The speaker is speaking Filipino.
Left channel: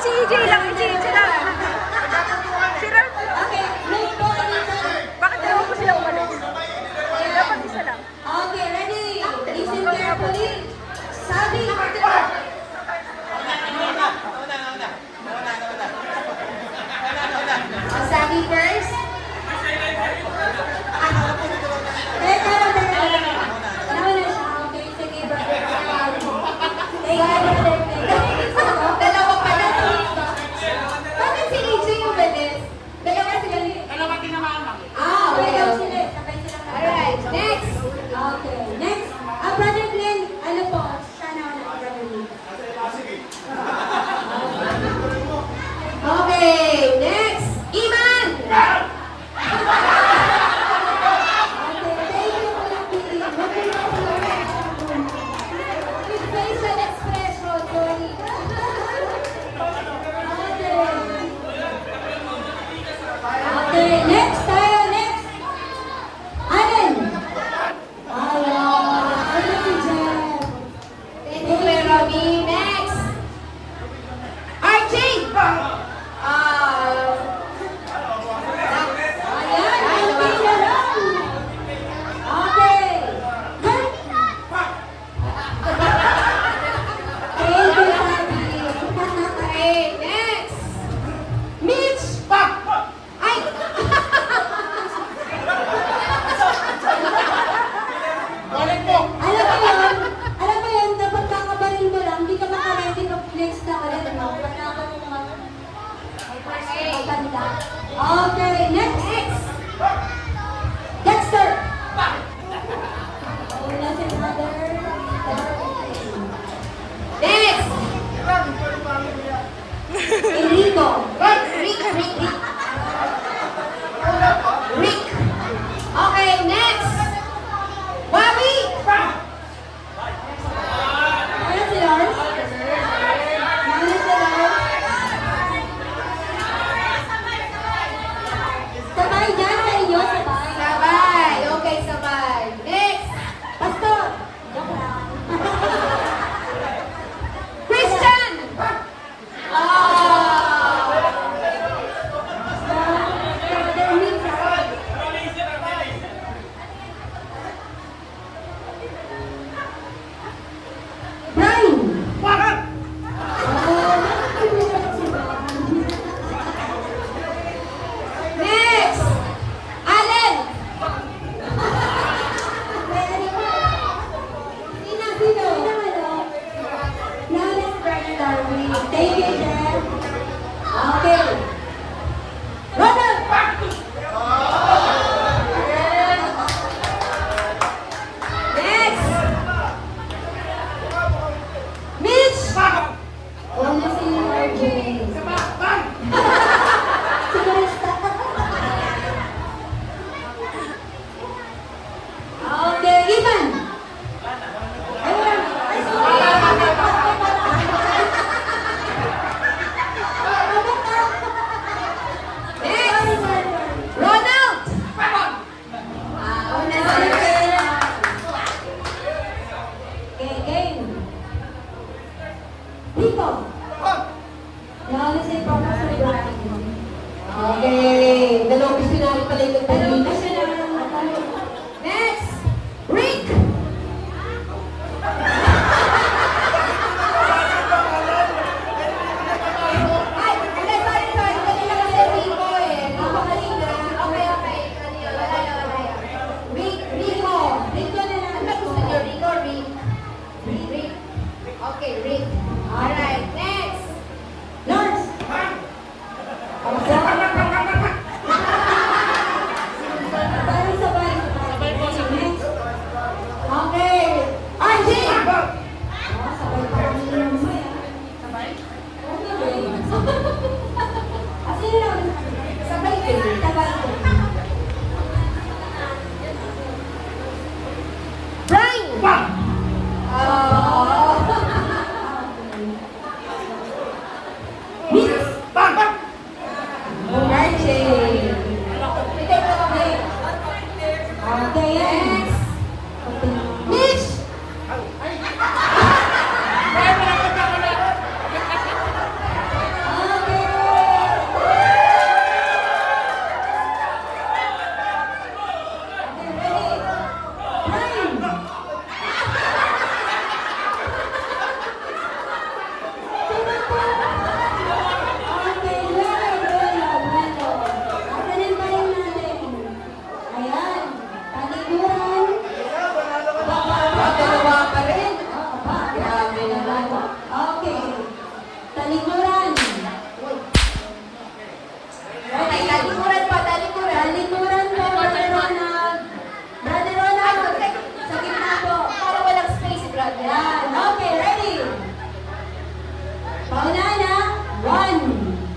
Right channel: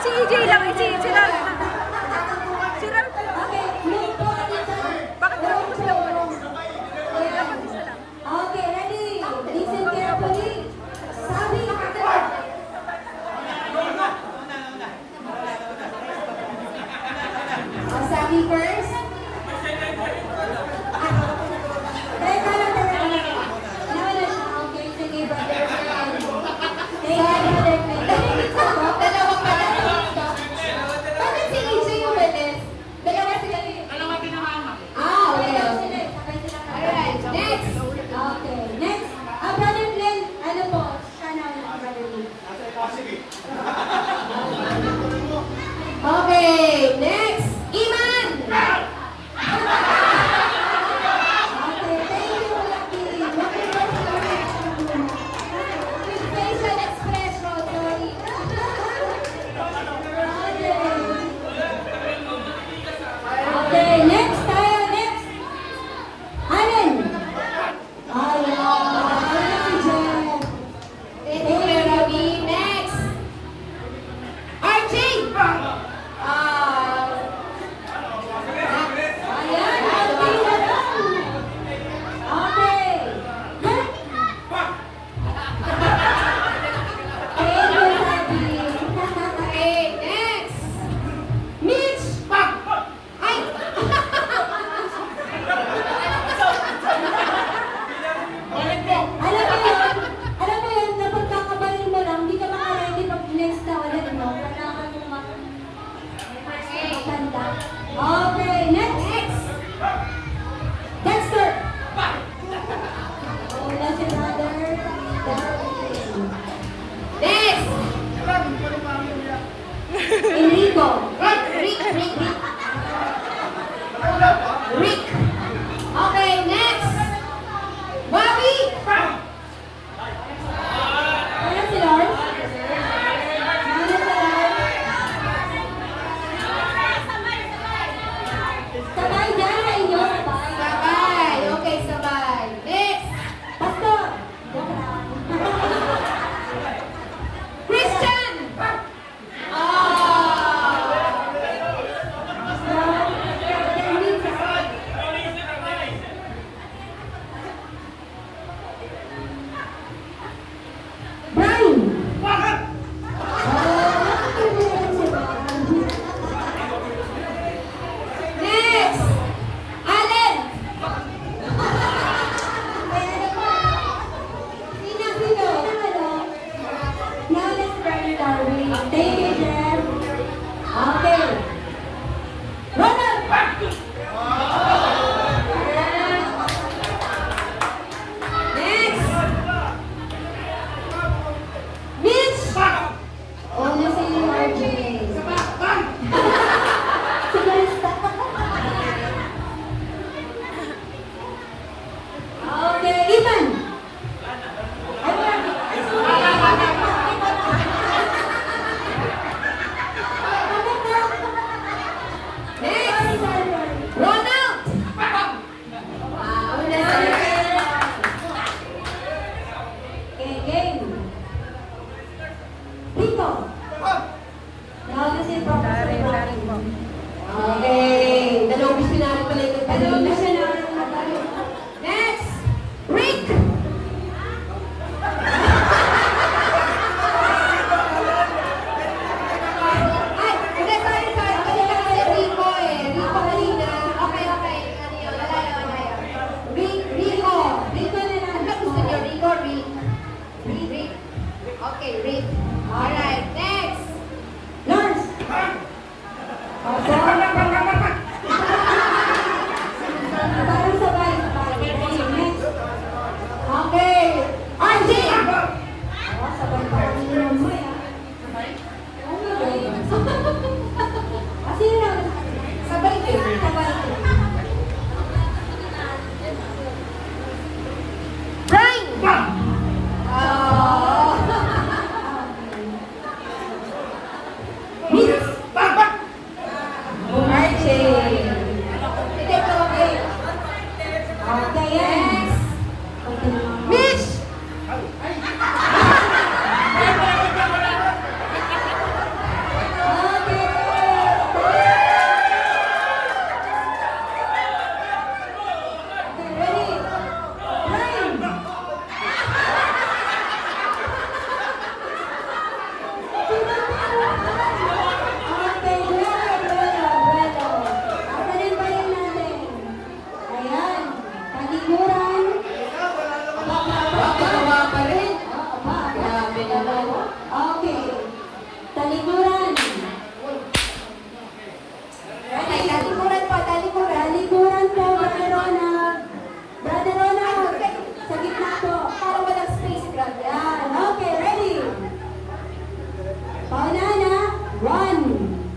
si EJ lang, si Ralph. Si Ralph lang. Bakit dalawa po sila umalis? Dapat isa lang. Okay, ready? Listen carefully. Sabi, sabi first. Teka. Naman na siya. Okay, sige. Dalawa pa na. Bakit si EJ umalis? Dalawa sila. Dalawa tinamaan. Okay daw sila. Alright, next. Okay, next. Ang brother Glenn, ano po? Siya naman ang brother Glenn. Okay, next. Iman! Okay, thank you, Lucky. With facial expression, sorry. Okay, next tayo, next. Allen! Okay, Jeff. Thank you, Robby. Next. RJ! Ayan, okay na lang. Okay. Thank you, Robby. Okay, next. Mitch! Ay! Balik mo! Alam mo yun, dapat kakabarin mo lang, hindi ka makaready ng next na ulit, ano? Okay, next! Dexter! Wala si brother. Next! Enrico. Rick. Okay, next! Bobby! Ayan si Lars. Sabay dyan sa inyo. Sabay. Okay, sabay. Next. Basta. Christian! Brian! Next! Allen! Sino? Flawless Burning Darwin. Thank you, Jeff. Okay. Ronald! Next! Mitch! Wala si RJ. Si Krista. Okay, Ivan! Next! Ronald! Una sila. Okay, game. Rico! Wala si Okay, dalawang gusto namin pala yung dalawang gusto namin. Next! Rick! Ay, okay, sorry. Kanina na si Rico eh. Rico kanina. Okay. Rico. Rico na lang. Ano gusto niyo? Rick. Okay, Rick. Alright, next. 1.